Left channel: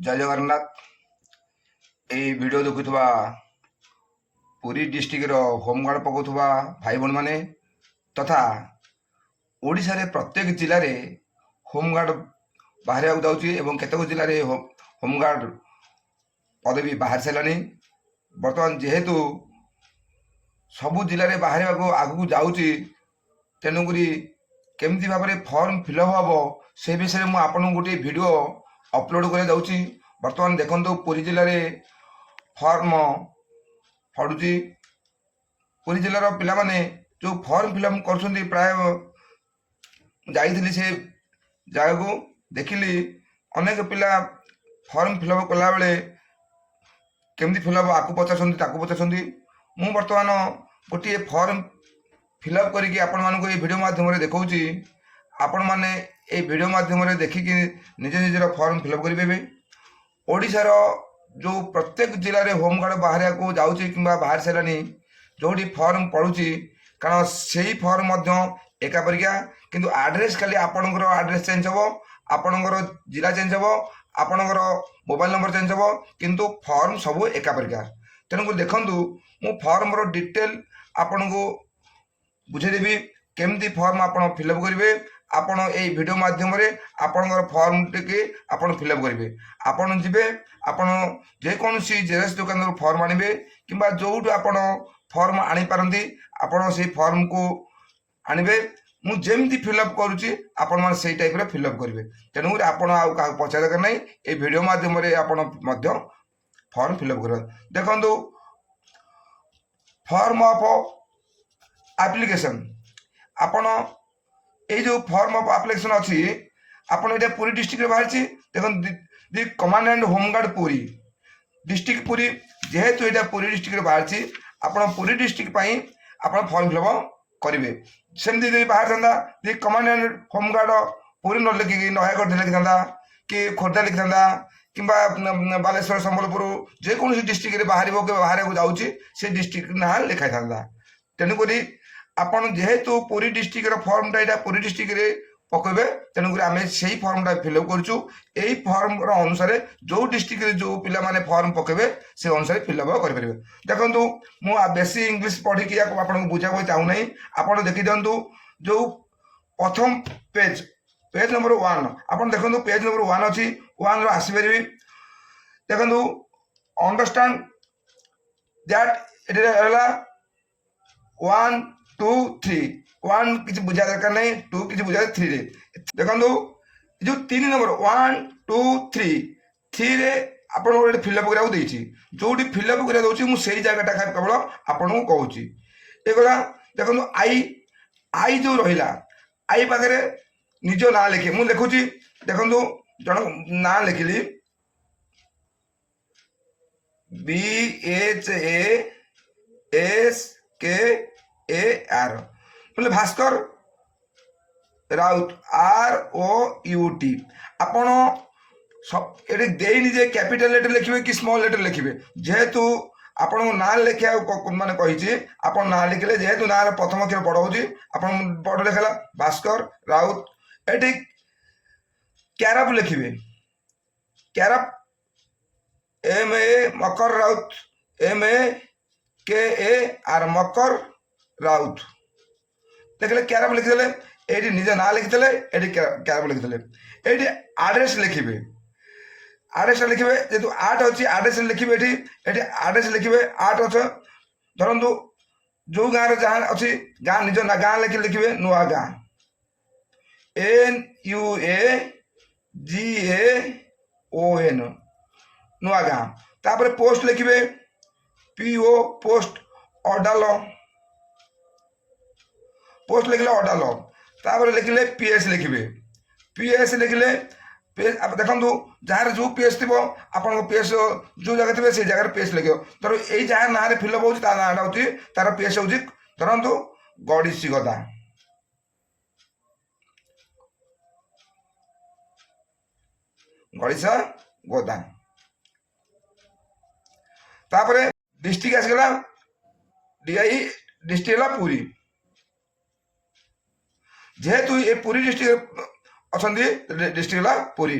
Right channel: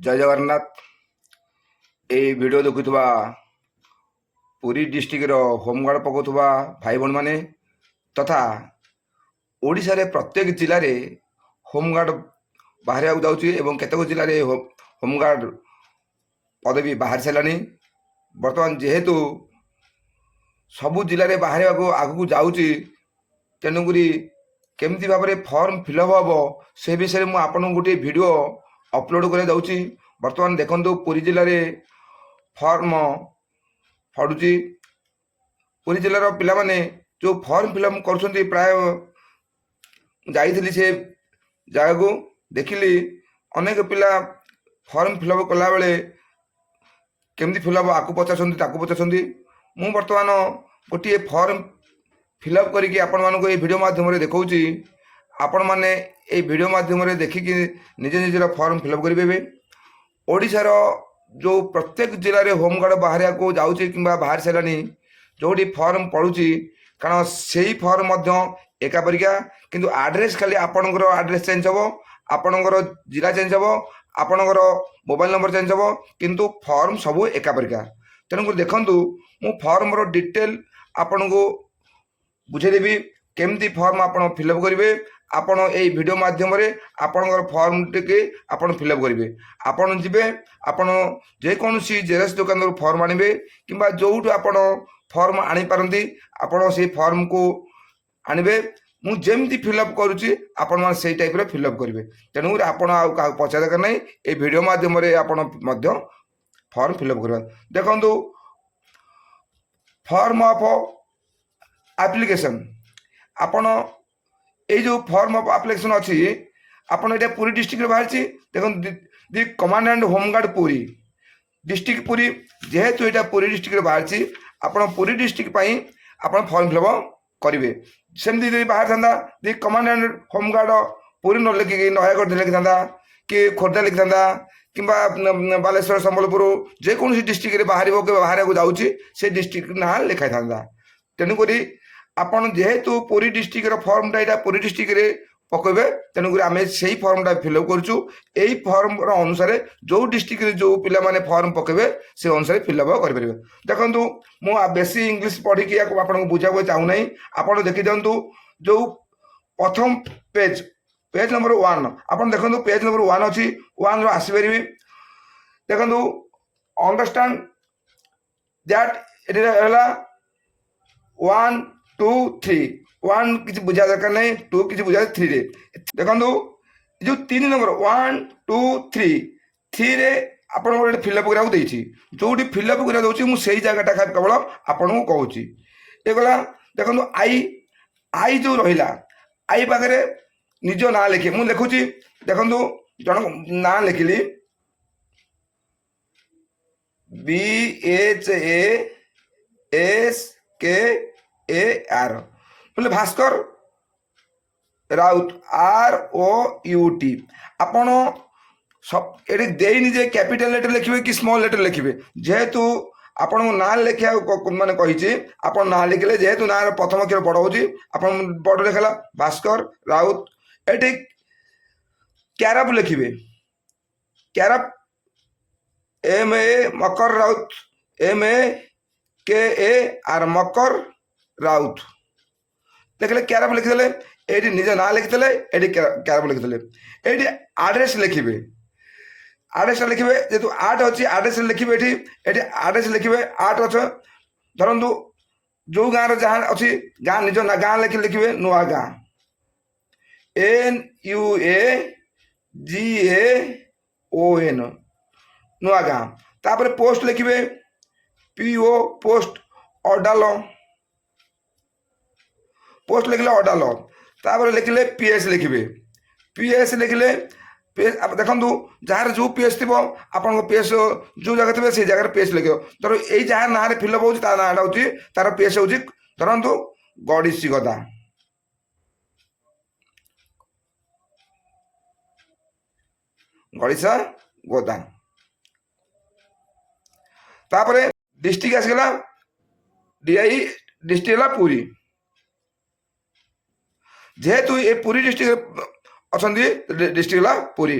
जय जगन्नाथ। ये video देखुवा Puri district home guard पकाउवा भाई भौणी मैंने तथा ओडिशा रे प्रत्येक जिले में होमगार्ड बाहर जाऊँगी एवं केतक जिले में होमगार्ड पदवी बाहर सारे बर्तमान जेहेतु सबू जिले में बाहर आगू जाऊँगी तेणुक केमती भाव में फॉर्म फिलअप हम से विषय मुझे आपन गोटे वीडियो अपलोड कर दूँ। बर्तमान देखो पुरी जिले में फॉर्म फड़ुची पुरी जिलार पिला माने जो फॉर्म फिलअप कर प्राय जाइली से जगह को देखिली अनेक पिला फॉर्म फिलअप कला बेले केमती फिलअप आपको पचार मु बर्तमान गोटे फॉर्म फिलअप करके आपण मानक ये वीडियो माध्यम देखौची आपण माने ये वीडियो माध्यम देखिकी निज निजर फॉर्म फिलअप करेंगे। ओडिशार जो प्रत्येक जिले में होमगार्ड बाहर को जाऊँगी कि बाहर सारे जोटी फॉर्म पड़ुची कारण से ही फॉर्म एका परिका किंतु आड्रेस खाली आपणकर आड्रेस चेंज हम आपणकर जिला चेंज हम आपणकर मोबाइल नंबर चेंज हम किंतु फॉर्म सब एका परिका। तेणुक देखु मु फॉर्म डिटेल आपण को बुझेदेवी केमती फॉर्म आप फिलअप करेंगे। आपण ये वीडियो माध्यम आपणकर फॉर्म टी आपन फिलअप करेंगे। आपन जीवे आपन जेकोसी जेरक्स दुकान फॉर्म आनबे कि जो फॉर्म आनीपारती आपड़ से फॉर्म को आनबे मुझे फिलअप करुच्ची आपण मैंने से टाइप फिलअप करेंगे। तेणुक आप पचार दरकार नहीं ये वीडियो माध्यम आप फॉर्म फिलअप कर देखु फॉर्म ऑफ एप्लिकेशन आपण ये जो फॉर्म ऑफ एप्लिकेशन अच्छी आपन ये पुरी डिस्ट्रिक्ट बाहरी देखो the command and home guard Puri district Puri जेहेतु यहाँ पुरी डिस्ट्रिक्ट बाहरी आपड़ पुरी डिस्ट्रिक्ट आप फॉर्म फिलअप करेंगे। सेमती बाहर था the command and home guard Puri न लिखिकी नयागढ़ लिखि था कि खोर्धा लिखि था कि बालेश्वर संबलपुर जेकोसी डिस्ट्रिक्ट बाहर बाहर को जाऊँगी से डिस्ट्रिक्ट ना लिखाई था। तेणुक आपन जेहेतु Puri district form time Puri district पकेबे तेणुक आम से फॉर्मटा फिलअप करूँ। यही फॉर्म अनुसार जो डिस्ट्रिक्ट जो पिला माने फॉर्म पकेबे से अनुसार फिलअप करेंगे। देखो मु बेसी इंग्लिश पढ़ी आपको बुझा चाहूना आप देखी दिंतु जो प्रथम पेज पेज नंबर 1 आप देखो पेज नंबर 1 अच्छी 1 आसपारे देखो अंडरस्टैंड दैट इट 1 2 3 1 किसी बुझा दरकार नहीं 2 किसी बुझा 3 रे देखो जो 3 नंबर 1 2 3 3 रे आपन गोटे फिलअप करा जो फिलअप करा मुझे जगटा केवल आपन को कहूँ ये गला देखो आई जो रहा आई पाखे निज ना लिखे मुझे लिखुची देखो जन ना लिखिली BHASKAR बोले भास्कर राउत ROUT आपण सब ये देनी जे कैपिटल लेटर लिखे कि स्मॉल लेटर लिखे जेहेतु आपन ना लिखा माने कही आप ना लिखले जेहेतु ना प्रथम अक्षर बड़ हो बड़ लिखला भास्कर राउत ये क्यारप लिखे क्यारप MA मकर राउत MAKAR मकर राउत लिखले क्यारप लिखिदे ये निजे ना लिखिदे ये क्यारप लिखिदे ये आड्रेस लिखे आड्रेस लिखे जेहतु 8 अच्छी आड्रेस लिखे ये आड्रेस लिखे 8 अच्छे धरतु जो गाँव जहाँ अच्छी गाँ निज ना गाँ लिखे नुआ गाँ NUAGAON नुआ गाँ तापर पोस्ट लिखे PO पोस्ट अडाल पोस्ट लिखले अडाल तापर लिखले PS लिखे PS लिखले देखो जहाँ जो PS थी आप PS जो जगह थे से जगह PS लिख धर यही जहाँ ना फिलअप हो ना हूँ तार PS हूँ धरतु गड़ीसी गदा गड़ीसा गोदा तापर डिस्ट्रिक्ट आसगला DI डिस्ट्रिक्ट है पुरी जेहेतु ये पुरी डिस्ट्रिक्ट अच्छा डिस्ट्रिक्ट है पुरी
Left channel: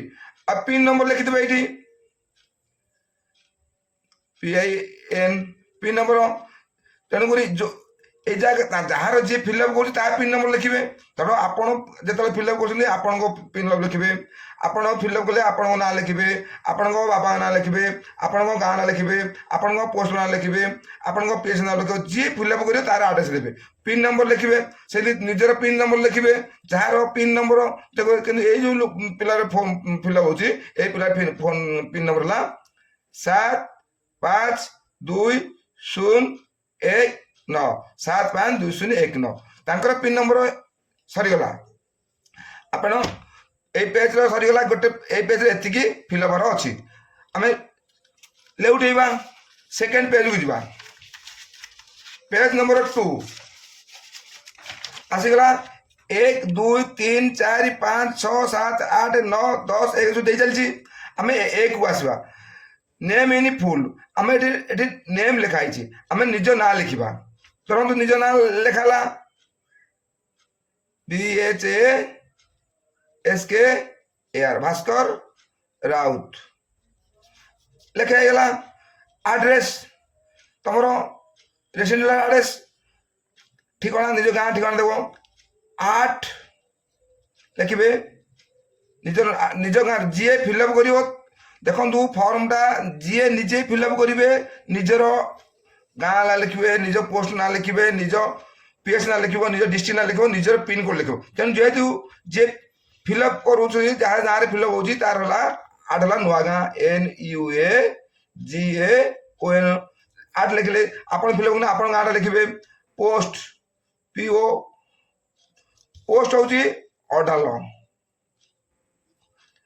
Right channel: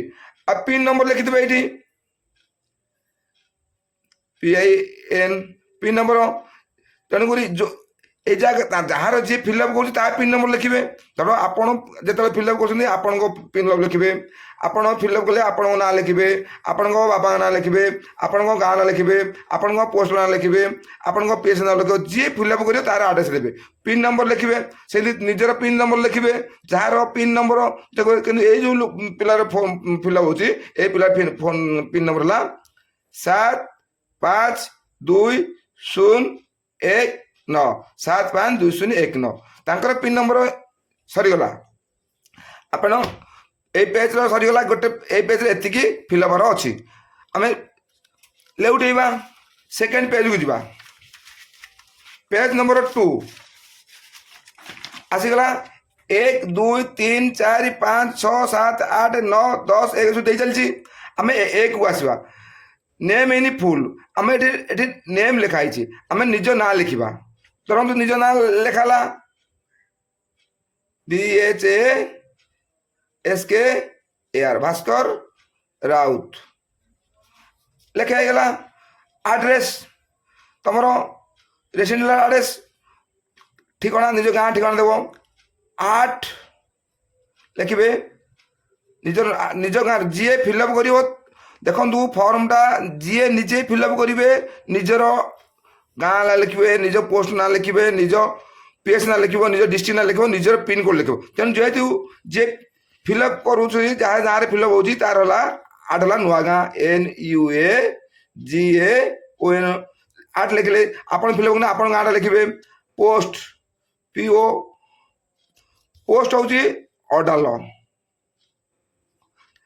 अब पिन नंबर लिखिदे ये PIN पिन नंबर तेणुक जो এই যাହାର ଯିଏ ଫିଲ୍ଅପ୍ କରୁଛି ତା ପିନ୍ ନମ୍ବର ଲେଖିବେ। ତାପରେ ଆପଣ ଯେତେବେଳେ ଫିଲ୍ଅପ୍ କରୁଛନ୍ତି ଆପଣଙ୍କ ପିନ୍ ନମ୍ବର ଲେଖିବେ। ଆପଣ ଫିଲ୍ଅପ୍ କଲେ ଆପଣଙ୍କ ନାଁ ଲେଖିବେ, ଆପଣଙ୍କ ବାବାଙ୍କ ନାଁ ଲେଖିବେ, ଆପଣଙ୍କ ଗାଁ ନାଁ ଲେଖିବେ, ଆପଣଙ୍କ ପୋଷ୍ଟ ନାଁ ଲେଖିବେ, ଆପଣଙ୍କ ପିଏସ୍ ନାଁ ଲେଖିବେ। ଯିଏ ଫିଲ୍ଅପ୍ କରିବ ତାର ଆଡ୍ରେସ୍ ଦେବେ, ପିନ୍ ନମ୍ବର ଲେଖିବେ, ସେଠି ନିଜର ପିନ୍ ନମ୍ବର ଲେଖିବେ। ଯାହାର ପିନ୍ ନମ୍ବର କିନ୍ତୁ ଏଇ ଯେଉଁ ପିଲାର ଫର୍ମ ଫିଲ୍ଅପ୍ ହେଉଛି ଏଇ ପିଲା ପିନ୍ ନମ୍ବର ହେଲା 7522019 7522019 ତାଙ୍କର ପିନ୍ ନମ୍ବର ସରିଗଲା। ଆପଣ এই পেଜ୍ର ସରିଗଲା। ଗୋଟେ ଏଇ ପେଜ୍ରେ ଏତିକି ଫିଲ୍ଅପ୍ ହବାର ଅଛି। ଆମେ ଲେଉଟେଇବା ସେକେଣ୍ଡ ପେଜ୍କୁ ଯିବା। ପେଜ୍ ନମ୍ବର 2 ଆସିଗଲା 1 2 3 4 5 6 7 8 9 10 11 ଦେଇ ଚାଲିଛି। ଆମେ ଏକୁ ଆସିବା। ନେମ୍ ଇନ୍ ଫୁଲ୍ ଆମେ ଏଠି ନେମ୍ ଲେଖା ହେଇଛି, ଆମେ ନିଜ ନାଁ ଲେଖିବା। ଧରନ୍ତୁ ନିଜ ନାଁ ଲେଖା ହେଲା BHASKR ଭାସ୍କର ରାଉତ ଲେଖା ହେଇଗଲା। ଆଡ୍ରେସ୍ ତମର ରେସିଡେନ୍ସିଆଲ ଆଡ୍ରେସ୍ ଠିକଣା ନିଜ ଗାଁ ଠିକଣା ଦେବ। 8 ଲେଖିବେ ନିଜ ଗାଁ ଯିଏ ଫିଲ୍ଅପ୍ କରିବ। ଦେଖନ୍ତୁ ଫର୍ମଟା ଯିଏ ନିଜେ ଫିଲ୍ଅପ୍ କରିବେ ନିଜର ଗାଁ ନାଁ ଲେଖିବେ, ନିଜ ପୋଷ୍ଟ ନାଁ ଲେଖିବେ, ନିଜ ପିଏସ୍ ନାଁ ଲେଖିବ, ନିଜ ଡିଷ୍ଟ୍ରିକ୍ଟ ନାଁ ଲେଖିବ, ନିଜର ପିନ୍ କୋଡ୍ ଲେଖିବ। ତେଣୁ ଯେହେତୁ ଯିଏ ଫିଲ୍ଅପ୍ କରୁଛି ଯାହା ଗାଁରେ ଫିଲ୍ଅପ୍ ହେଉଛି ତାର ହେଲା ଆଡ୍ ହେଲା ନୂଆ ଗାଁ NUAGAON 8 ଲେଖିଲେ। ଆପଣ ଫିଲ୍ଅପ୍ କଲେ ଆପଣଙ୍କ ଗାଁଟା ଲେଖିବେ। ପୋଷ୍ଟ PO ପୋଷ୍ଟ ହେଉଛି ଅଡାଲ,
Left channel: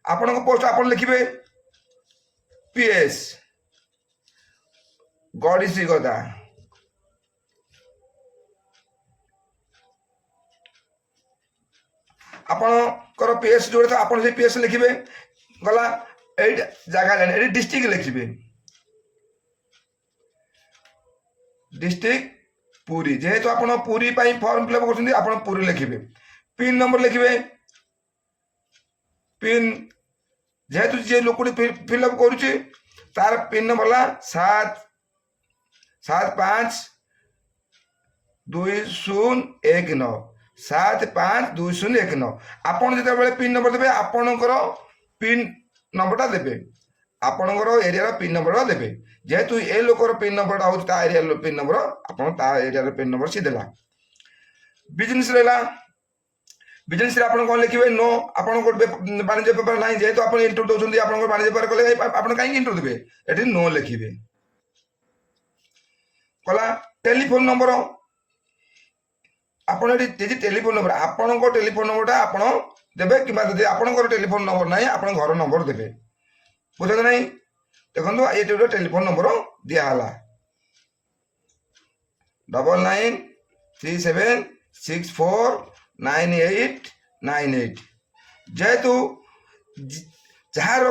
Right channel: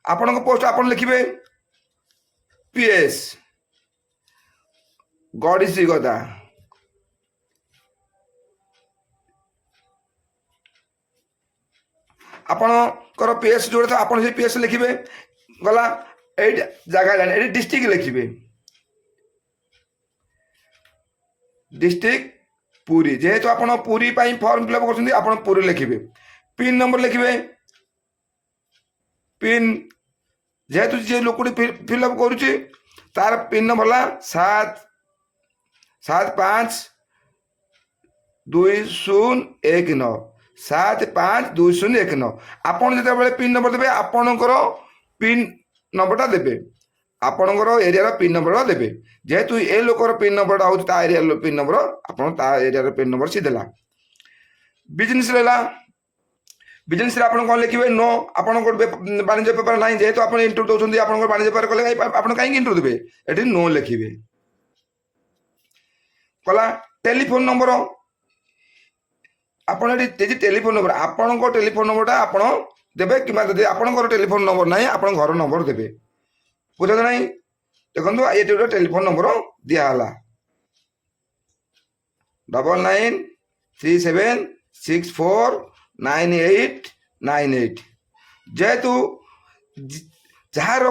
ଆପଣଙ୍କ ପୋଷ୍ଟ ଆପଣ ଲେଖିବେ। PS ଗଡ଼ିଶ୍ରୀ ଗଦା, ଆପଣଙ୍କର PS ଯୋଉଟା ଆପଣ ସେଇ PS ଲେଖିବେ। ଗଲା ଏଇଟା ଜାଗା ହେଲାଣି, ଏଠି ଡିଷ୍ଟ୍ରିକ୍ଟ ଲେଖିବେ। ଡିଷ୍ଟ୍ରିକ୍ଟ ପୁରୀ, ଯେହେତୁ ଆପଣ ପୁରୀ ପାଇଁ ଫର୍ମ ଫିଲ୍ଅପ୍ କରୁଛନ୍ତି ଆପଣ ପୁରୀ ଲେଖିବେ। ପିନ୍ ନମ୍ବର ଲେଖିବେ। ପିନ୍ ଯେହେତୁ ଯିଏ ଲୋକଟି ଫିଲ୍ଅପ୍ କରୁଛି ତାର ପିନ୍ ନମ୍ବର ହେଲା 7522019 7522019। ଆପଣ ଯେତେବେଳେ ପିନ୍ ନମ୍ବର ଦେବେ ଆପଣଙ୍କର ପିନ୍ ନମ୍ବରଟା ଦେବେ, ଆପଣଙ୍କର ଏରିଆର ପିନ୍ ନମ୍ବର ଦେବେ। ଯେହେତୁ ଏ ଲୋକର ପିନ୍ ନମ୍ବରଟା ହେଉଛି ତା ଏରିଆର ପିନ୍ ନମ୍ବର, ଆପଣ ତା ଏରିଆର ପିନ୍ ନମ୍ବର ସିଏ ଦେଲା। ବିଜନେସ୍ ରହିଲା। ବିଜନେସ୍ରେ ଆପଣ କ'ଣ ଲେଖିବେ? ନୋ, ଆପଣଙ୍କର ବାଣିଜ୍ୟ ବେପାର ନାହିଁ। ଯେହେତୁ ଆପଣ ଇଣ୍ଟରଭ୍ୟୁ ଦେଉଛନ୍ତି ଆପଣଙ୍କର ବାଣିଜ୍ୟ ବେପାର କଲେ ଆପଣ କାହିଁକି ଇଣ୍ଟରଭ୍ୟୁ ଦେବେ? ଏଠି ନୋ ଲେଖିବେ। କଲା ଟେଲିଫୋନ ନମ୍ବର, ଆପଣ ଏଠି ଟେଲିଫୋନ ନମ୍ବର ଆପଣଙ୍କ ଟେଲିଫୋନ ନମ୍ବରଟା ଆପଣ ଦେବେ, କିମ୍ବା ଯଦି ଆପଣଙ୍କର ଟେଲିଫୋନ ନମ୍ବର ନାହିଁ ଆପଣ ଘର ନମ୍ବର ଦେବେ। ବୁଝନ୍ତୁ ନାହିଁ? ଦେଖନ୍ତୁ ଏଠି ଗୋଟେ ଟେଲିଫୋନ ନମ୍ବର ଦିଆହେଲା 9937649898। ଯେହେତୁ ଯାହାର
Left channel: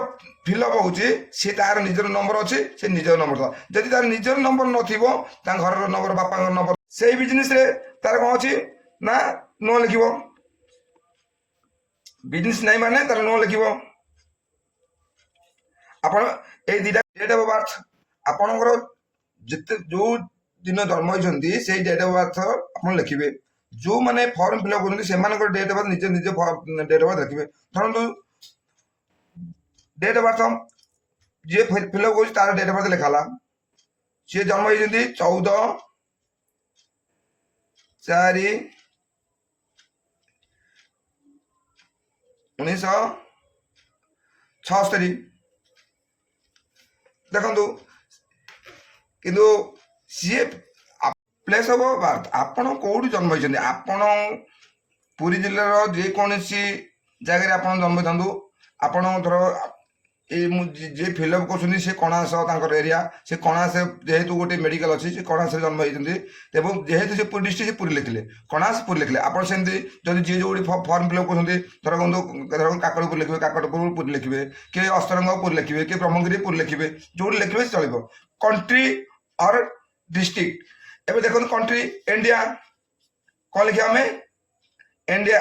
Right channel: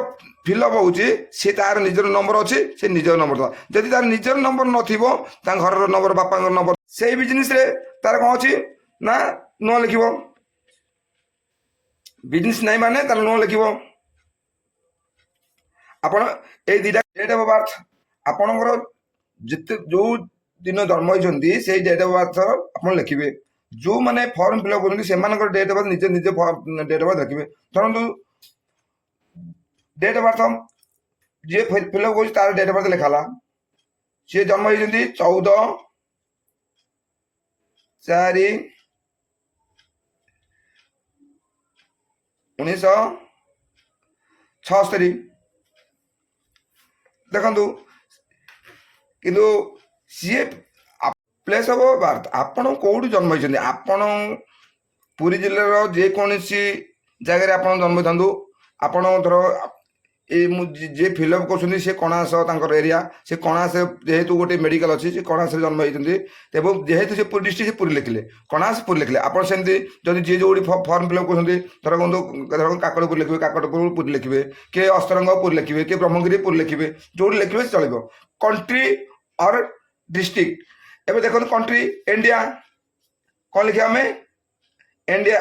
ଫିଲ୍ଅପ୍ ହେଉଛି ସେ ତାର ନିଜର ନମ୍ବର ଅଛି, ସେ ନିଜର ନମ୍ବର ଦେବା। ଯଦି ତାର ନିଜର ନମ୍ବର ନଥିବ ତାଙ୍କ ଘରର ନମ୍ବର, ବାପାଙ୍କ ନମ୍ବର, ସେଇ ବିଜନେସ୍ରେ ତାର କ'ଣ ଅଛି ନା ନୋ ଲେଖିବ। ବିଜନେସ୍ ନାହିଁ ମାନେ ତାର ନୋ ଲେଖିବ। ଆପଣ ଏଇ ଦୁଇଟା ଡେଟ୍ ଅଫ୍ ବାର୍ଥ ଆପଣଙ୍କର ଯେତେ ଯୋଉ ଦିନ ଜନ୍ମ ହେଇଛନ୍ତି ସେଇ ଡେଟ୍ ଅଫ୍ ବାର୍ଥ ଆପଣ ଲେଖିବେ। ଯୋଉମାନେ ଫର୍ମ ଫିଲ୍ଅପ୍ କରୁଛନ୍ତି ସେମାନଙ୍କର ଡେଟ୍ ଅଫ୍ ବାର୍ଥ ନିଜେ ନିଜେ ଡେଟ୍ ଅଫ୍ ବାର୍ଥ ଲେଖିବେ। ଧରନ୍ତୁ ଡେଟ୍ ଅଫ୍ ବାର୍ଥ ଯିଏ ଫିଲ୍ଅପ୍ କରୁଛି ତାର ଡେଟ୍ ଅଫ୍ ବାର୍ଥ ଲେଖା ହେଲା। ସିଏ ଜନ୍ମ ହେଇଛନ୍ତି 14/4/1976। ଦେଖନ୍ତୁ କିନ୍ତୁ ସିଏ ପ୍ଲେସ୍ ଅଫ୍ ବାର୍ଥ ଆପଣ କୋଉଠି ଜନ୍ମ ହେଇଛନ୍ତି, ଆପଣ ପୁରୀ ଜିଲ୍ଲାର ଯେକୌଣସି ଜାଗାରେ ଆପଣ ଜନ୍ମ ହେଇଥାନ୍ତୁ। ଆପଣ ଧର ଏଇ ମୁଁ ଯିଏ ଫିଲ୍ଅପ୍ କରୁଛନ୍ତି ସେ କଣାସ ତାଙ୍କର ଏରିଆ, ସେ କଣାସ ଯେହେତୁ ଗୋଟେ ମେଡ଼ିକାଲ ଅଛି ସେ କଣାସରେ ଜନ୍ମ ହେଇଛନ୍ତି ଏବଂ ଯେହେତୁ ସେ ପୁରୀ ଡିଷ୍ଟ୍ରିକ୍ଟ ସେ ପୁରୀ ଲେଖିଲେ, କଣାସ ପୁରୀ ଲେଖିଲେ। ଆପଣ ସେମିତି ଯଦି ଯିଏ ଯୋଉଠି ଫର୍ମ ଫିଲ୍ଅପ୍ କରୁଛନ୍ତି ଧର କାକଟପୁର ଲେଖିବେ, କାକଟପୁର ପୁରୀ ଲେଖିବେ, କିଏ ଅସ୍ତରଙ୍ଗ ପୁରୀ ଲେଖିବେ, କିଏ ବ୍ରହ୍ମଗିରି ପୁରୀ ଲେଖିବେ, ଯୋଉଠି ଲେଖିବେ ଚଳିବ। କଣ୍ଟ୍ରି ଅର୍ ଡିଷ୍ଟ୍ରିକ୍ଟ, ଏବେ ଦେଖନ୍ତୁ କଣ୍ଟ୍ରି ଇଣ୍ଡିଆ କ'ଣ ଲେଖିବା ଆମେ? India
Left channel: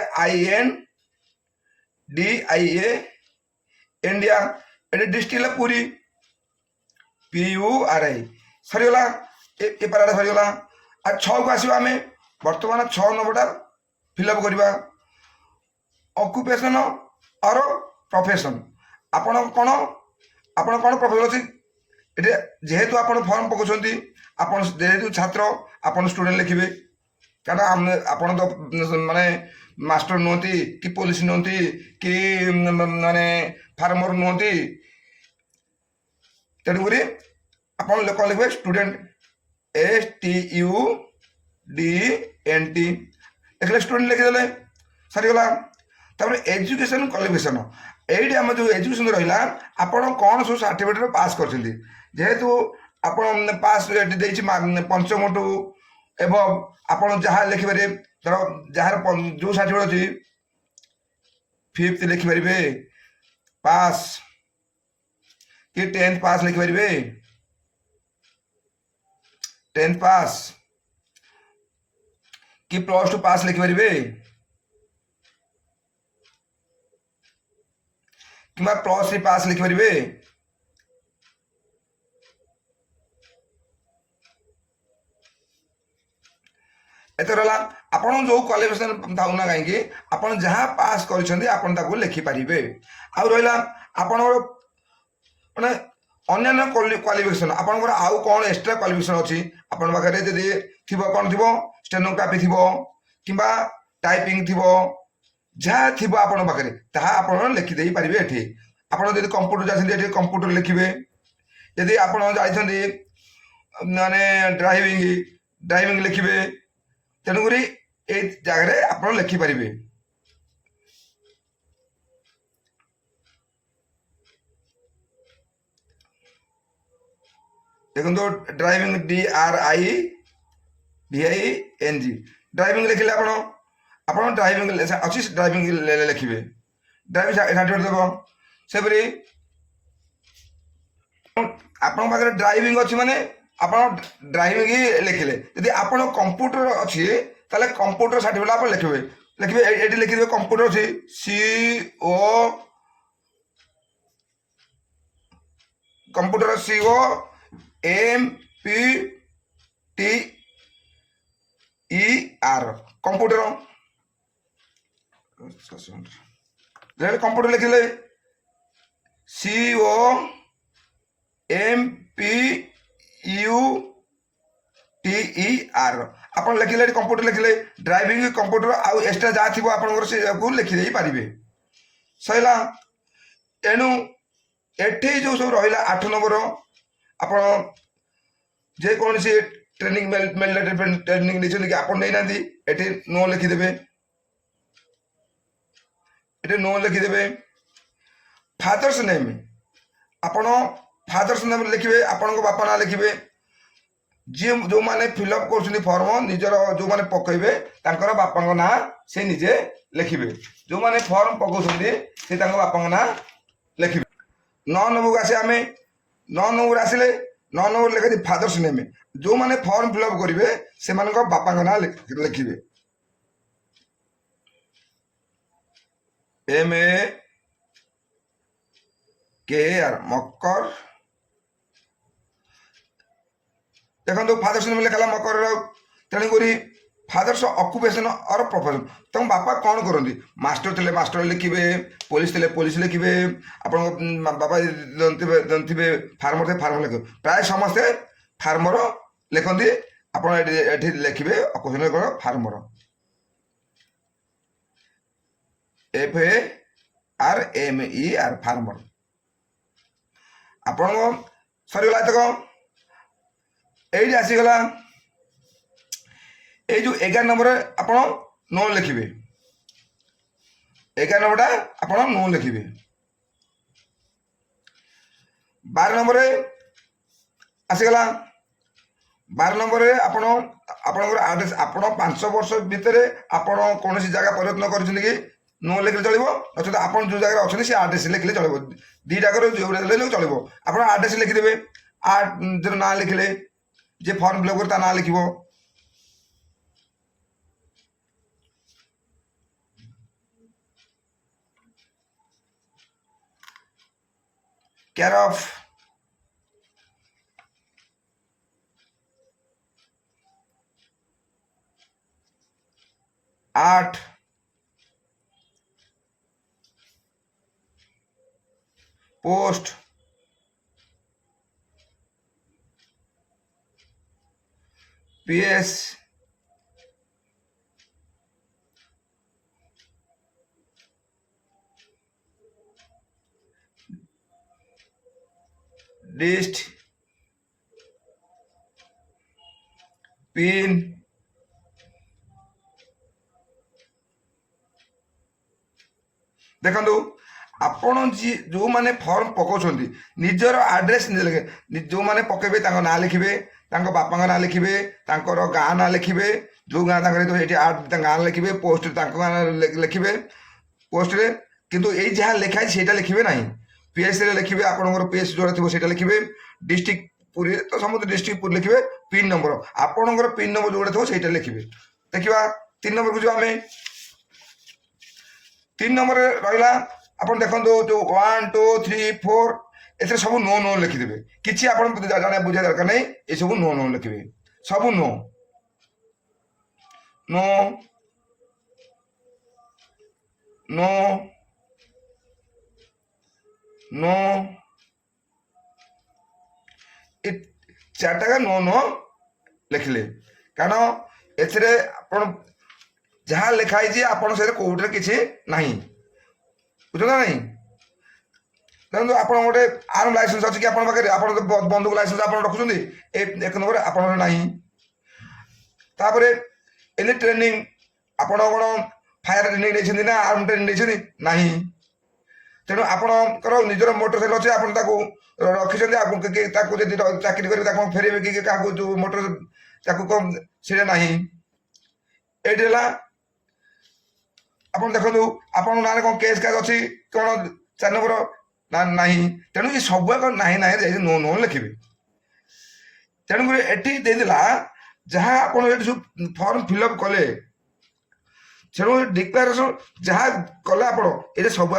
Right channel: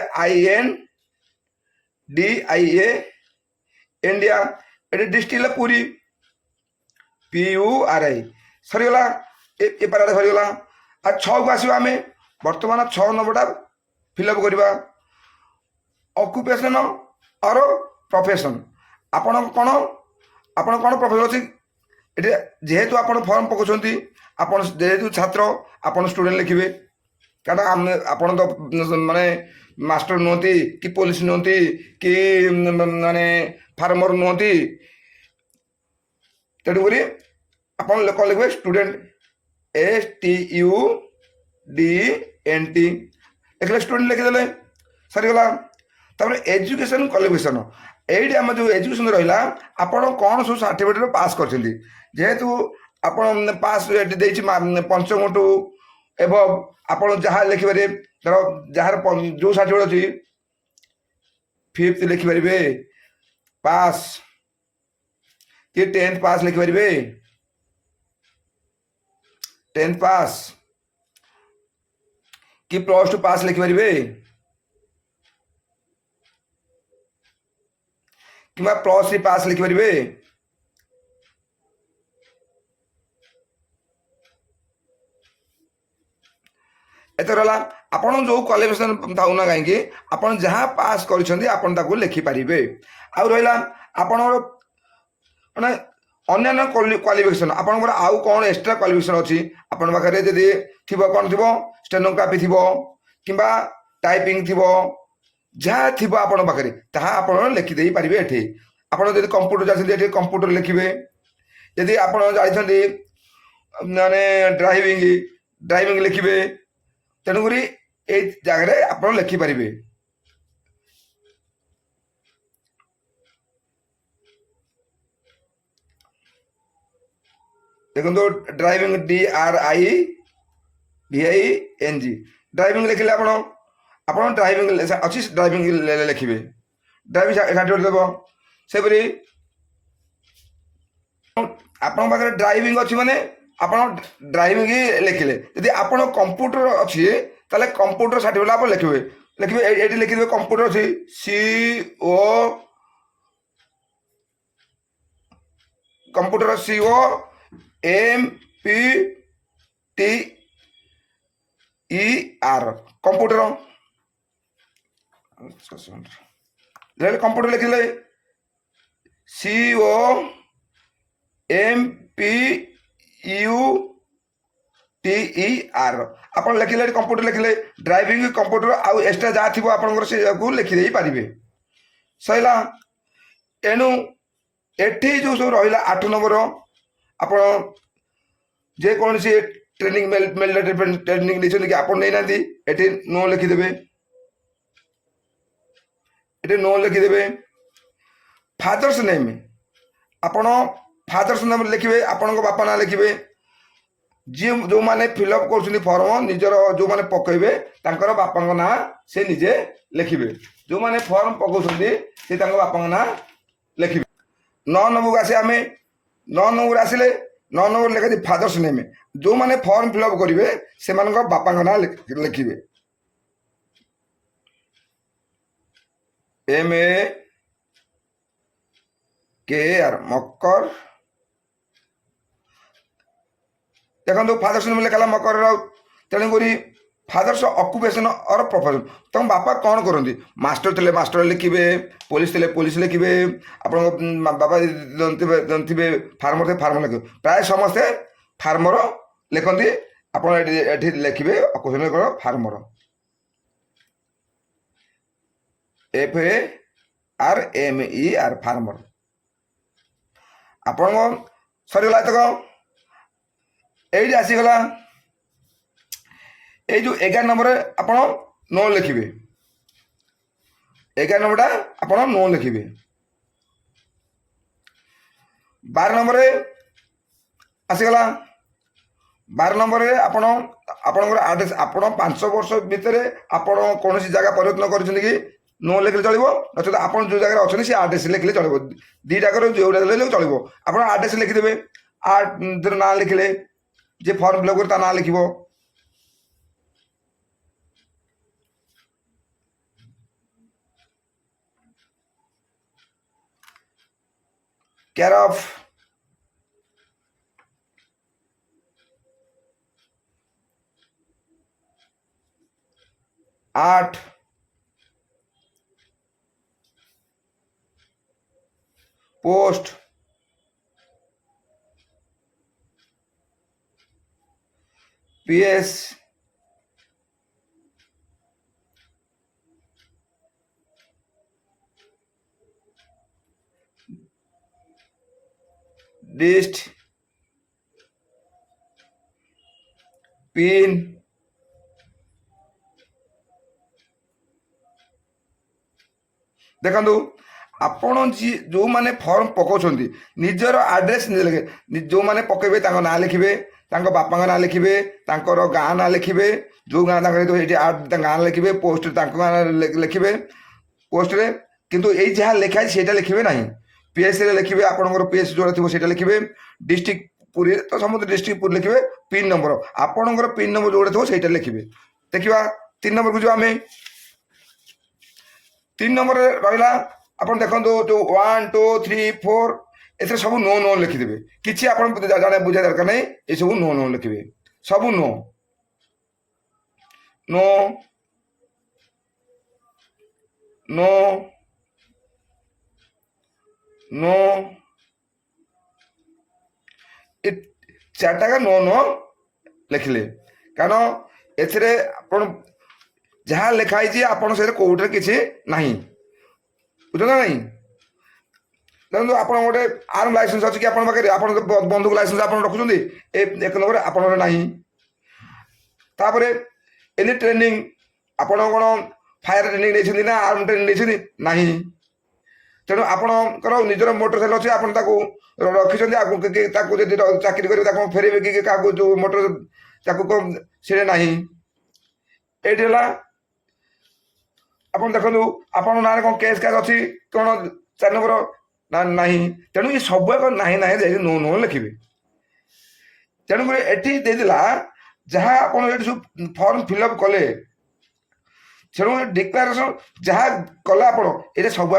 INDIA India. ଏଠି ଡିଷ୍ଟ୍ରିକ୍ଟ ହେଲା ପୁରୀ। PURI ସରିଗଲା। ଏ ପାରାଟା ସରିଗଲା। ଆଉ 6କୁ ଆସିବା ଆମେ। ବର୍ତ୍ତମାନ 6 ନମ୍ବରଟା ଫିଲ୍ଅପ୍ କରିବା। ଅକୁପେସନ୍ ଅର ପ୍ରଫେସନ୍। ଆପଣ କ'ଣ ପ୍ରଫେସନ୍ ଅଛି ଏଠି? ଯେହେତୁ ଆପଣ ଫର୍ମ ପକାଉଛନ୍ତି, ଆପଣ ଯେହେତୁ ଛାତ୍ର, ଆପଣ ଷ୍ଟୁଡେଣ୍ଟ ଲେଖିବେ। କାରଣ ଆପଣ ତ ମାନେ ମାଷ୍ଟର ନୁହନ୍ତି, କି ପୋଲିସ ନୁହନ୍ତି, କି ମାନେ ଫାର୍ମର ନୁହନ୍ତି। ତେଣୁକରି ଆପଣ କ'ଣ ଲେଖିବେ? ଷ୍ଟୁଡେଣ୍ଟ, STUDENT ଲେଖିଲେ, ଷ୍ଟୁଡେଣ୍ଟ ଲେଖିଦେଲେ, ସରିଗଲା। ତାପରେ ଏଜୁକେସନ୍ କ୍ୱାଲିଫିକେସନ୍। এইটি আমার যে এজুকেশন রহিলা, আপনার কোণ সব সার্টিফিকেট পাস করছেন। যেহেতু আপনার পাস দিয়েছি পঞ্চমঠু এবং আপনার যা লিখিপারে, ধর যার যে সার্টিফিকেট অছি, 5th লিখিপারে, পাস কি 10th পাস লিখিপারে, 10th পাস কি +2 পাস লিখিপারে, কিংবা +3 পাস লিখিপারে। ଏତେ ରହିଲା। ଆପଣ ଯେଉଁ କ୍ୱାଲିଫିକେସନ୍ ଥାଉନା କାହିଁକି, ଆପଣ ଯାହା ପାସ୍ କରିଛନ୍ତି ଆପଣ ତାକୁ ଲେଖିପାରିବେ। ଆଉ ରହିଲା ଆପଣଙ୍କର ମାନେ ଅନ୍ୟାନ୍ୟ କ୍ୱାଲିଫିକେସନ୍। ଆପଣଙ୍କର ଆଉ କ'ଣ ଏକ୍ସଟ୍ରା କ୍ୱାଲିଫିକେସନ୍ ଅଛି ଆପଣଙ୍କ ପାଖରେ? ଯଦି ଥିବ, କ'ଣ ଥିବ? ଷ୍ଟେନୋଗ୍ରାଫି ଥିବ, କିମ୍ବା ଟାଇପିଂ ଥିବ, ଯାହା ଥିବ ଆପଣଙ୍କ ପାଖରେ ତାହା ଆପଣ ଲେଖିଦେଇପାରିବେ ଏଠି। ଆପଣ ଯଦି କମ୍ପ୍ୟୁଟର ଯାଇଛନ୍ତି, ଏଠି କମ୍ପ୍ୟୁଟର ଲେଖିବେ। ଯଦି ଆପଣ ଯାଇଛନ୍ତି ମାନେ ଡ୍ରାଇଭିଂ ଲେଖିବେ। ତେଣୁକରି ଏଇ ଜାଗାରେ ଆପଣ ଲେଖିପାରିବେ। ଦେଖନ୍ତୁ, ଡ୍ରାଇଭିଂ DRIVING ଡ୍ରାଇଭିଂ ଲେଖିଲେ ଆପଣ ଡ୍ରାଇଭିଂ ଅଛି, ଡ୍ରାଇଭିଂ ଲେଖିବେ। ଡ୍ରାଇଭିଂ ସାର୍ଟିଫିକେଟ୍ ଦେବ। ସେପରି ଆପଣଙ୍କ ପାଖରେ ଡ୍ରାଇଭିଂ ଅଛି ମାନେ ଆପଣ ଡ୍ରାଇଭିଂ ଲେଖିଲେ। ଯଦି ଆପଣ କମ୍ପ୍ୟୁଟର ଅଛି ତାହେଲେ କମ୍ପ୍ୟୁଟର ସାର୍ଟିଫିକେଟ୍ ଆପଣ ଲେଖିବେ। ଏଇଠି ଲେଖିଦେବେ କମ୍ପ୍ୟୁଟର ଅଛି, କମ୍ପ୍ୟୁଟର COMPUTER କମ୍ପ୍ୟୁଟର। କମ୍ପ୍ୟୁଟର ଲେଖିଲେ COMPUTER ଆପଣ ଲେଖିଲେ, କମ୍ପ୍ୟୁଟର ଲେଖିଲେ। ଡ୍ରାଇଭିଂ କମ୍ପ୍ୟୁଟର ଆଉ ଏକ୍ସଟ୍ରା ଯାହା ଥିବ ଆପଣଙ୍କର ସେକୁ ଲେଖିଦେଇ ପାରିବେ। ସରିଲା। ଏଣୁ ଏଠି ଯେଉଁ ସବୁ ରହିଲା 8 ନମ୍ବର, ଆପଣ ଯେକୌଣସି ଟ୍ରେନିଂ ଟ୍ରେନିଂ ନେଇଛନ୍ତି କି ଆପଣ ନେଇନାହାନ୍ତି, ଏଠି ନୋ ଲେଖିଦେବେ। ଏଠି ନୋ ଲେଖିଦେବେ। ଫାଦର୍ସ ନେମ୍, ଆପଣ ଫାଦର୍ସ ନେମ୍ ଲେଖିବେ, ଆପଣଙ୍କ ବାପା ନାଁ ଲେଖିବେ। ଯେଉଁମାନେ ଫିଲ୍ଅପ୍ କରୁଛନ୍ତି ଫର୍ମ, ନିଜର ଯେଉଁମାନେ ପକାଇବେ ତାଙ୍କର ବାପାଙ୍କ ନାଁ ସେ ନିଜେ ଲେଖିବେ। ଯେଉଁମାନେ ଫର୍ମ ପକାଉଛନ୍ତି ସେ ତାଙ୍କ ବାପାଙ୍କ ନାଁ ଲେଖିବେ। 9 ନମ୍ବରକୁ ଆସିବା ଆମେ। 9 ନମ୍ବର ଆସିଲେ, 9 ନମ୍ବର ଲେଖାଛି ଫାଦର୍ସ ନେମ୍। ଯେଉଁମାନେ ଫର୍ମ ଫିଲ୍ଅପ୍ କରିବେ ସେମାନଙ୍କ ବାପାଙ୍କ ନାଁ ଲେଖିବେ। MAKR ମକର। ଦେଖନ୍ତୁ, ଫାଦର୍ସ ନେମ୍ ଲେଖା ହେଲା ମକରର। ତେଣୁକରି ଫାଦର୍ସ ଅକୁପେସନ୍ ଅର ପ୍ରଫେସନ୍। ତମ ବାପା କ'ଣ କରନ୍ତି? ମାଷ୍ଟର ଥିଲେ ମାଷ୍ଟର ଲେଖିବେ, ପୋଲିସ ଥିଲେ ପୋଲିସ ଲେଖିବେ, ଆପଣଙ୍କ ବାପା ଥିବେ ଫାର୍ମର ଥିଲେ ଫାର୍ମର ଲେଖିବେ। ପ୍ରାୟ ସମସ୍ତେ ଫାର୍ମର ଲେଖନ୍ତି। ଆପଣ ଏଠି ଲେଖିବେ ଅକୁପେସନ୍ କ'ଣ? ଫାର୍ମର। FARMER ଫାର୍ମର। ଆପଣଙ୍କ ସରିଗଲା ଏତକ। এইটি আসিগলা। এই যে 11 নম্বরে ଆପଣ ନୋ ଲେଖିବେ। 11 নম্বরটা ଆପଣ ନୋ ଲେଖିବେ। 12 নম্বরে ଆସିଗଲା। 12 নম্বরে ଆପଣଙ୍କର ଆଡ୍ରେସ୍, ଆପଣ 5 ବର୍ଷ ଭିତରେ ଆପଣ କୌଣସି ଜାଗା ପରିବର୍ତ୍ତନ କରିଛନ୍ତି କି? ନୋ ଲେଖିଲେ ଚଳିବ। ନଚେତ ଆପଣ ଯେଉଁ ଜାଗାରେ ଅଛନ୍ତି ସେ ଆଡ୍ରେସ୍ ଲେଖିଲେ ଚଳିବ। ଦୁଇଟାକରେ ଯେଉଁଟା ଲେଖିଲେ ଚଳିବ। ଆପଣ ଆଡ୍ରେସ୍ ଲେଖିଦେବେ। ନାଁ ଲେଖିଲେ, যে ফর্ম ফিল করে তার নাম লিখিব। Care of 8 post PS dist pin देखु आपण जो मैंने फॉर्म पकाउछंती निजर एड्रेस जो मैंने पकेबे ना लिखिबे बापा ना लिखिबे गाँ ना लिखिबे जो गाँ गाँ लिखिबे पोस्ट गाँ लिखिबे पोस्ट रे किंतु ये जहाँ लिखाई सेटा लिखिबे नहीं पीएस रे लिखिबे आपनकर पीएस जोड़ा थिबो सेटा लिखिबे डिस्ट्रिक्ट पुरी तो समस्त डिस्ट्रिक्ट पुरी लिखिबे पिन नंबर आपनकर पिन नंबर जोड़ा थिबो सेटा लिखिबे देखिबा 3 नंबर को जो आमे 3 नंबर रहिला आपन देखंतो जो 1 2 3 4 एथे सब नो नो लिखिदेबे किछि आपन जाने बुझा दरकार नहीं ए सब नो नो लिखिबे सब नो नो नो नो चार्टा का नो नो लिखले कारण एथिरे आपन जहाँ लिखाई आपन से कोर्टे किसी नहीं बुझल ना नहीं देखो आप गोटे आर्म लाइसेंस अच्छी कि आप बंदूक लाइसेंस आप रखुच्च एक नंबर आप तापर एनी ट्रेनिंग आप फायर ट्रेनिंग ना आर्म ट्रेनिंग नहीं तेणु आपणकर निजर मोटरसाइकेल अच्छे आप रखी चाकरी कर फेरबे कि क्या जो मोटर से ना ये आप देखो आप ना कौन केस कैस अच्छी कौन 4 नंबर ना नहीं तेणु ये सब ना ना नो नो लिखे तेणुक ये जहाँ आप फॉर्म फिलअप कले तेणु डिक्लारेसन जहाँ कले आप ये सब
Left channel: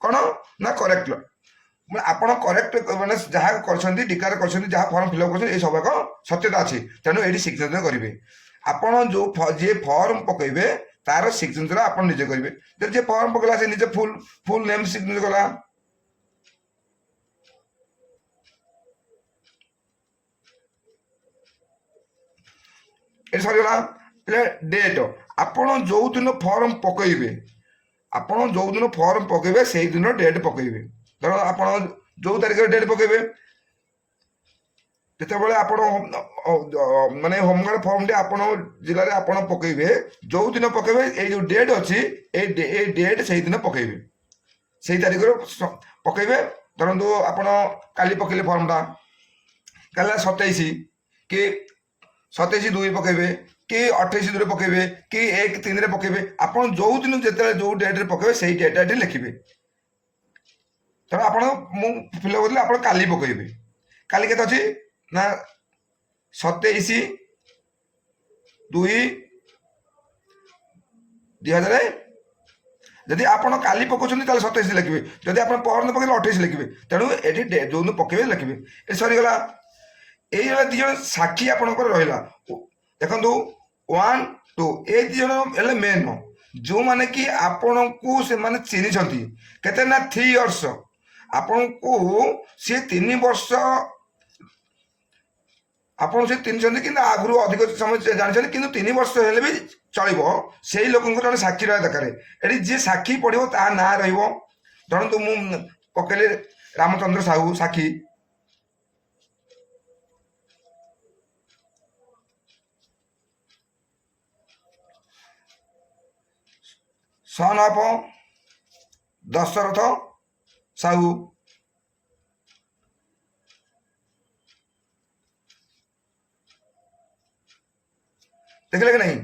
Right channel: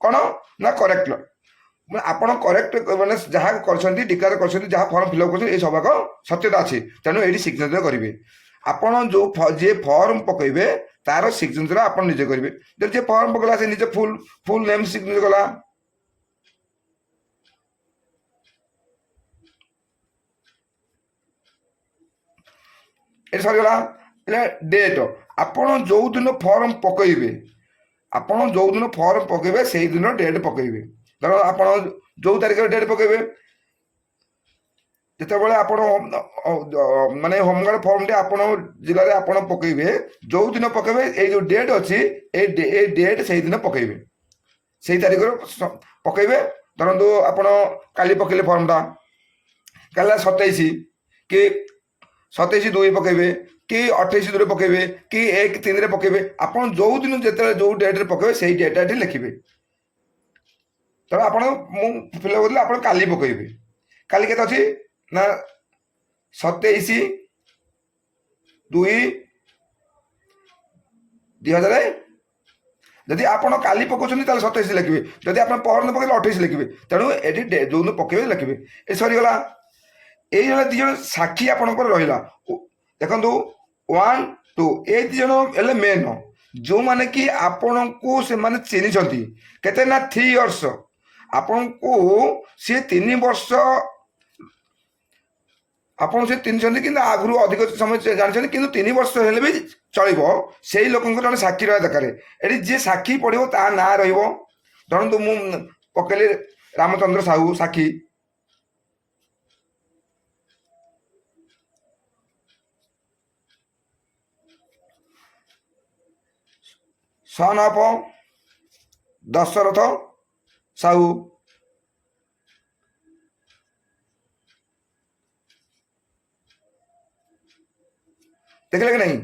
कौन ना करेक्ट आपड़ करेक्ट मैंने जहाँ कर डिक्लेयर कर जहाँ फॉर्म फिलअप कर सब सत्यता अच्छी तेणु ये सिग्नेचर करेंगे आपड़ जो जी फॉर्म पकेबे तार सिग्नेचर आप निजे करेंगे जब जी फॉर्म पकड़ा से निजे फुल फुल नेम सिग्नेचर कला ये सरीगला डेट आपड़ जो दिन फॉर्म पकेबे आपड़ जो दिन फॉर्म पकेबे से दिन डेट पकेबे धर आप जो तारीख डेट पकेबे जितेबाला आप माने होमगार्ड फॉर्म टे आप जिले में आप पकेबे जो दिन पकेबे ये जो डेट अच्छी ये डेट से दिन पकेबे से तारीख पकेबे धरतु आप काली पकेले फॉर्मटा काली 27 कि 27/2 पकेबे कि 28/2 पकेबे कि 1/3 पकेबे आप जो दिन जो जो डेट पकेबे से डेटा लिखिबे तब आप फिलअप करते आप काली पकेबे काली केते अच्छी ना 27/2/2000 जदि आप काली पकाउछन 27 लिखे जदि आप परन पकड़े 28 लिखे तेणु ये जो दिन पकेबे लिखे ये सरीगला ये दिज साक्षी आपंकर रहा देखु 1 2 ये दिज मेन जो मैंने कि आपण को से माने चिन्ह केते ना 3 इयर्स आपण को सी 3 वर्ष आप चिन्ह कि आगु अधिक समय जानते कि 3 वर्ष हेल्ले भी चलो से लोक जन साक्षी रहा दरकार ये जी साक्षी पढ़ो ता ना रु मु पकेली रामचंद्र साहू साक्षी सन ऑफ दशरथ साहू देखले कि नहीं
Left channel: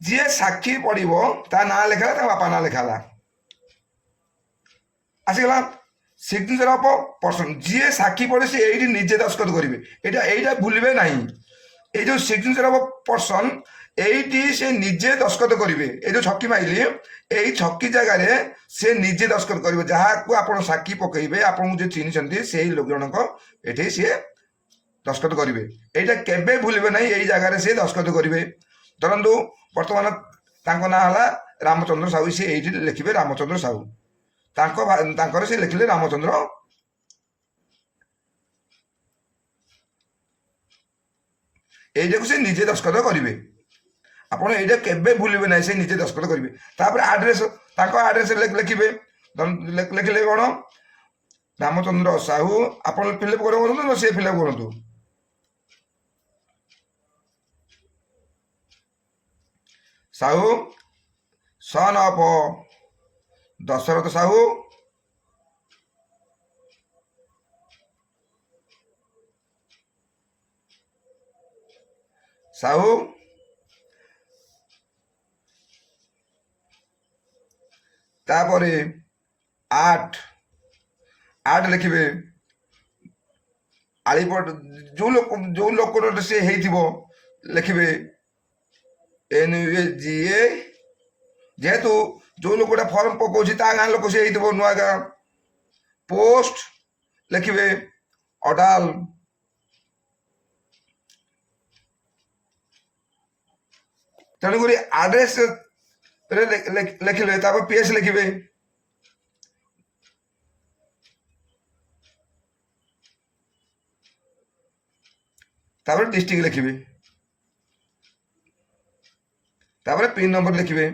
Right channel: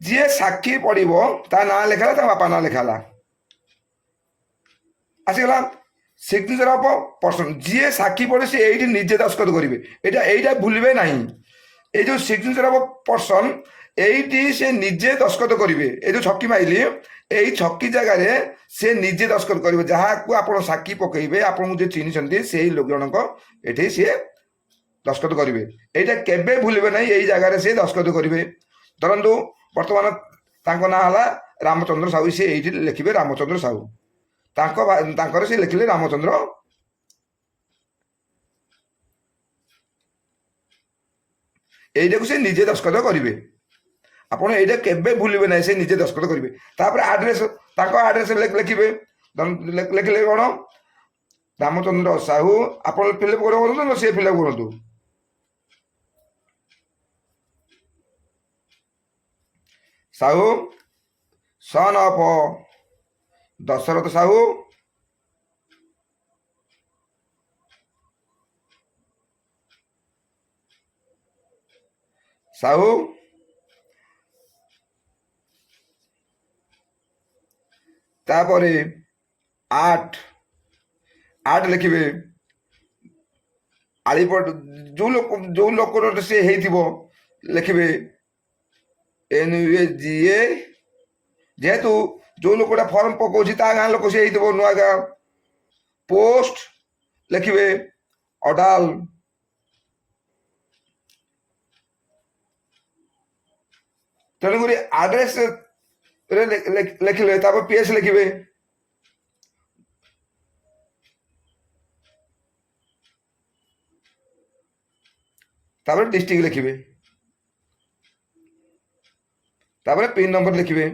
जी साक्षी पढ़ो ता ना लिखा ता बापा ना लिखाला आसीगला सिग्नेचर ऑफ पर्सन जी साक्षी पढ़े से ये निजे दस्तखत करेंगे यहाँ भूलिए ना ये जो सिग्नेचर ऑफ पर्सन ये से निजे दस्तखत करेंगे ये जो छक्की माइली यही छक्की जगार से निजे दस्तखत करेंगे जहाँ को आप साक्षी पकेबे आपको जो चिन्ह से लोक जनक ये सी दस्तखत करेंगे यहाँ केवे भूलिए ना यही जगार से दस्तखत करेंगे धरतु ବର୍ତ୍ତମାନ ତାଙ୍କ ନାଁ ହେଲା ରାମଚନ୍ଦ୍ର ସାହୁ। ସେ ଏଇଠି ଲେଖିବେ ରାମଚନ୍ଦ୍ର ସାହୁ, ତାଙ୍କର ସେ ଲେଖିଲେ ରାମଚନ୍ଦ୍ର। এইটাକୁ ସେ ନିଜେ ଦସ୍ତଖତ କରିବେ। ଆପଣ ଏଇଟା କେବେ ଭୁଲିବେ ନାହିଁ, ସେ ନିଜେ ଦସ୍ତଖତ କରିବେ। ତାପରେ ଆଡ୍ରେସ, ତାଙ୍କ ଆଡ୍ରେସ ଲେଖିବେ। ଲେଖିଲେ କ'ଣ ରାମଚନ୍ଦ୍ର ସାହୁ, ଆପଣ ଫିଲ୍ଅପ୍ କରନ୍ତୁ ନା ସିଏ ଫିଲ୍ଅପ୍ କରନ୍ତୁ। ସାହୁ ସନ୍ ଅଫ୍ ଦଶରଥ ସାହୁ, ସାହୁ ତାପରେ ଆଠ ଲେଖିବେ। ଆଳିପଟ ଯୋଉ ଲୋକର ସେ ହେଇଥିବ ଲେଖିବେ NUAGA। ଯେହେତୁ ଯୋଉ ଲୋକଟା ଫର୍ମ ପକାଉଛି ତା ଗାଁ ଲୋକ ସେ ହେଇଥିବ, ନୂଆ ଗାଁ। ପୋଷ୍ଟ ଲେଖିବେ ଅଡାଲ। ତେଣୁକରି ଆଡ୍ରେସ ଲେଖିଲେ ତାପରେ PS ଲେଖିବେ। ତାପରେ ଡିଷ୍ଟ୍ରିକ୍ଟ ଲେଖିବେ। ତାପରେ ପିନ୍ ନମ୍ବର ଲେଖିବେ।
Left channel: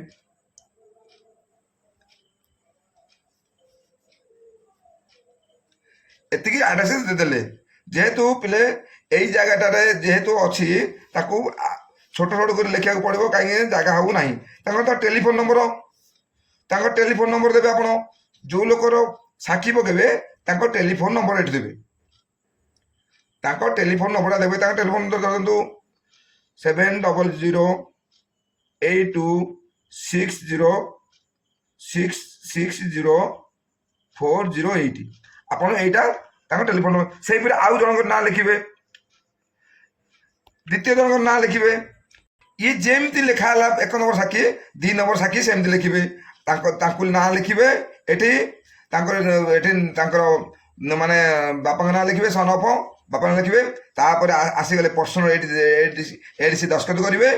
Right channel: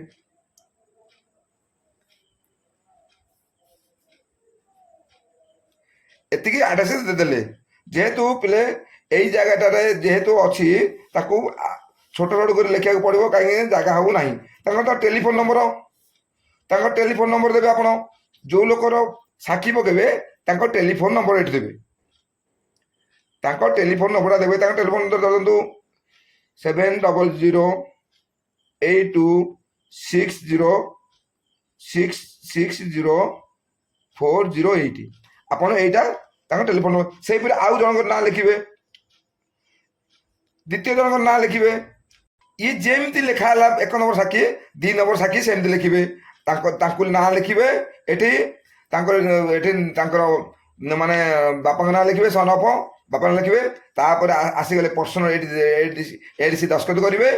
ଏତିକି ଆଡ୍ରେସ ଦେଲେ। ଯେହେତୁ ପିଲେ ଏଇ ଜାଗାଟାରେ ଯେହେତୁ ଅଛି, ତାକୁ ଛୋଟ ଛୋଟ କରି ଲେଖିବାକୁ ପଡ଼ିବ, କାହିଁକି ଜାଗା ହବ ନାହିଁ। ତାଙ୍କର ତ ଟେଲିଫୋନ ନମ୍ବର, ତାଙ୍କ ଟେଲିଫୋନ ନମ୍ବର ଦେବେ। ଆପଣ ଯୋଉ ଲୋକର ସାକ୍ଷୀ ପକେଇବେ ତାଙ୍କ ଟେଲିଫୋନ ନମ୍ବର ଏଠି ଦେବେ। ତାଙ୍କ ଟେଲିଫୋନ ନମ୍ବରଟା ଦେବେ। ତାଙ୍କ ଟେଲିଫୋନ ନମ୍ବର ଧରନ୍ତୁ 70008260604008। ଆପଣ ଏଇଟା ତାଙ୍କ ଟେଲିଫୋନ ନମ୍ବର। ସେଇପରି ଆଉ ଜଣଙ୍କର ନାଁ ଲେଖିବେ, ଦ୍ୱିତୀୟ ଜଣଙ୍କର ନାଁ ଲେଖିବେ। ଇଏ ଯେମିତି ଲେଖା ହେଲା 1 ନମ୍ବର ସାକ୍ଷୀ, 2 ନମ୍ବର ସାକ୍ଷୀ ସେମିତି ଲେଖିବେ। ତାଙ୍କୁ ନାଁ ଲେଖିବେ। ଏଠି ତାଙ୍କର ମାନେ ବାପାଙ୍କ ନାଁ ଲେଖିବେ, ସନ୍ ଅଫ୍ ବାପା ନାଁ ଲେଖିବେ। ତାପରେ ଆସିଗଲେ ପର୍ସନାଲ, ଏଇଠି ସେ ଦସ୍ତଖତ କରିବେ।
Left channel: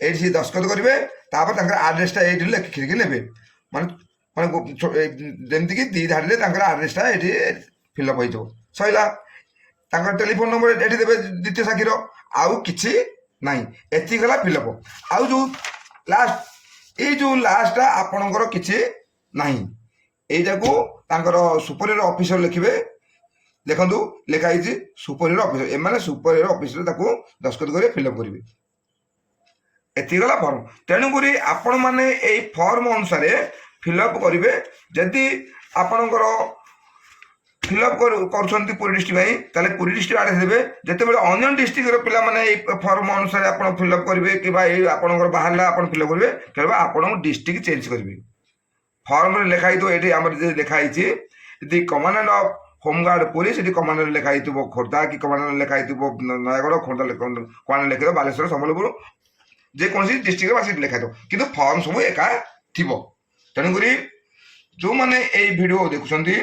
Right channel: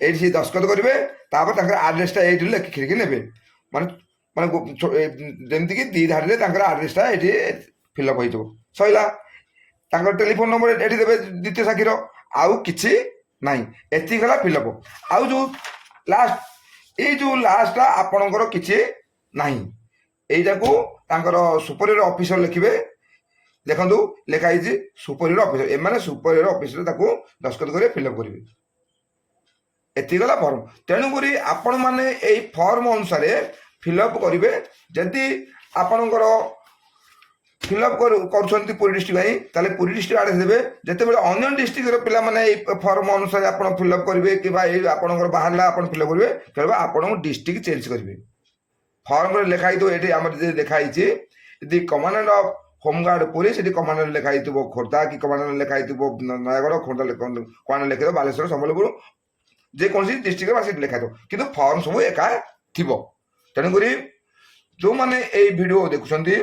ଏଇଠି ସେ ଦସ୍ତଖତ କରିବେ। ତାପରେ ତାଙ୍କର ଆଡ୍ରେସଟା ଏଇଠି ଲେଖିକି ନେବେ। ମାନେ ଯେମିତିକି 2 ଧାଡ଼ିରେ ତାଙ୍କର ଆଡ୍ରେସଟା ଏଇଠି ଫିଲ୍ଅପ୍ ହେଇଯିବ, ସରିଲା। ତାଙ୍କର ଟେଲିଫୋନ ନମ୍ବର ଏଠି ଦେବେ ଦ୍ୱିତୀୟ ସାକ୍ଷୀର। ଆଉ କିଛି ନାହିଁ, ଏତିକି ହେଲା ଫିଲ୍ଅପ୍। ଆଉ ଯୋଉ ଲାଷ୍ଟ, ଏଇ ଯୋଉ ଲାଷ୍ଟଟା ଆପଣଙ୍କର କିଛି ନାହିଁ। এইটাକୁ ତାଙ୍କର ସୁପରିୟର ଅଫିସର ଲେଖିବେ। ଦେଖନ୍ତୁ ଲେଖା ହେଇଛି ସୁପରିୟର ଅଫିସର। ଏମାନେ ସୁପରିୟର ଅଫିସର ତାକୁ ଦସ୍ତଖତ କରିବେ, ଫିଲ୍ଅପ୍ କରିବେ। ଏତିକି ଗଲା ଫର୍ମ। ତେଣୁକରି ଆପଣମାନେ ଏଇ ଫର୍ମ ଅନୁସାରେ ଫିଲ୍ଅପ୍ କରିବେ। ଯଦି ଆପଣଙ୍କର ଫିଲ୍ଅପ୍ କରୁଛନ୍ତି ପୁରୀ ଡିଷ୍ଟ୍ରିକ୍ଟ ପାଇଁ, ତାହେଲେ ପୁରୀ ଡିଷ୍ଟ୍ରିକ୍ଟ ଆଡ୍ରେସ ଦେବେ। ଯେତେବେଳେ ଅନ୍ୟ ଡିଷ୍ଟ୍ରିକ୍ଟର ପିଲାମାନେ ଏଇ ଫର୍ମ ଅନୁସାରେ ଆପଣ ଫିଲ୍ଅପ୍ କରିବେ, କିମ୍ବା ଏଇ ଆପଣଙ୍କର ବାହାରିଲା ଆପଣ ଫିଲ୍ଅପ୍ କରିବେ, କେବଳ ଆପଣଙ୍କୁ ଡିଷ୍ଟ୍ରିକ୍ଟ ଚେଞ୍ଜ କରିବେ। ଫର୍ମରେ ଲେଖା ହେଇଥିବ, ଏଠି ଆମର ଯଦି ଲେଖା ହେଇଛି ଯଦି କମାଣ୍ଡାଣ୍ଟ ଅଫ୍ ହୋମଗାର୍ଡ ପୁରୀ, ସେଠି କମାଣ୍ଡାଣ୍ଟ ଲେଖା ହେଇଥିବ ଖୋର୍ଦ୍ଧା, କି କମାଣ୍ଡାଣ୍ଟ ଲେଖା ହେଇଥିବ ନୟାଗଡ଼, ଖୋର୍ଦ୍ଧା କମାଣ୍ଡାଣ୍ଟ ଲେଖିଥିବ ବାଲେଶ୍ୱର, ସମ୍ବଲପୁର, ଯେକୌଣସି ଡିଷ୍ଟ୍ରିକ୍ଟରେ ବା ସେଠି ଲେଖା ହେଇଥିବ, କିନ୍ତୁ ଫର୍ମ ସବୁ ଏକା ଥିବ। ତେଣୁକରି ଯେଉଁମାନେ ଏଇ ଭିଡ଼ିଓ ଦେଖୁଛନ୍ତି,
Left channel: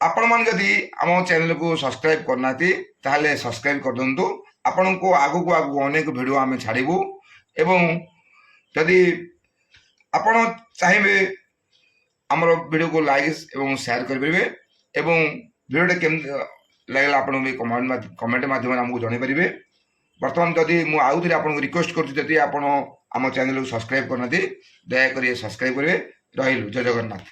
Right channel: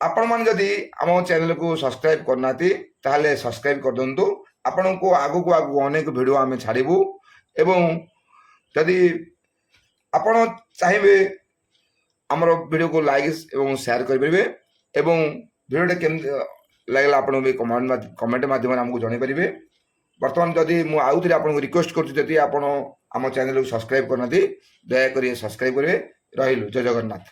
ଆପଣମାନେ ଯଦି ଆମ ଚ୍ୟାନେଲକୁ ସବସ୍କ୍ରାଇବ୍ କରିନାହାନ୍ତି ତାହେଲେ ସବସ୍କ୍ରାଇବ୍ କରିଦିଅନ୍ତୁ। ଆପଣଙ୍କୁ ଆଗକୁ ଅନେକ ଭିଡ଼ିଓ ଆମେ ଛାଡ଼ିବୁ। ଏବଂ ଯଦି ଆପଣ ଚାହିଁବେ ଆମର ଭିଡ଼ିଓକୁ ଲାଇକ୍ ଏବଂ ସେୟାର କରିପାରିବେ। ଏବଂ ଭିଡ଼ିଓଟା କେମିତି ଲାଗିଲା ଆପଣଙ୍କୁ କମେଣ୍ଟ ମାଧ୍ୟମରେ ଆମକୁ ଜଣାଇପାରିବେ। ବର୍ତ୍ତମାନ ଯଦି ମୁଁ ଆଉ ଥରେ ଆପଣଙ୍କୁ ରିକ୍ୱେଷ୍ଟ କରୁଛି, ଯଦି ଆପଣ ଆମ ଚ୍ୟାନେଲକୁ ସବସ୍କ୍ରାଇବ୍ କରିନାହାନ୍ତି, ଦୟାକରି ସବସ୍କ୍ରାଇବ୍ କରିବେ। ରହିଲୁ, ଜୟ ଜଗନ୍ନାଥ।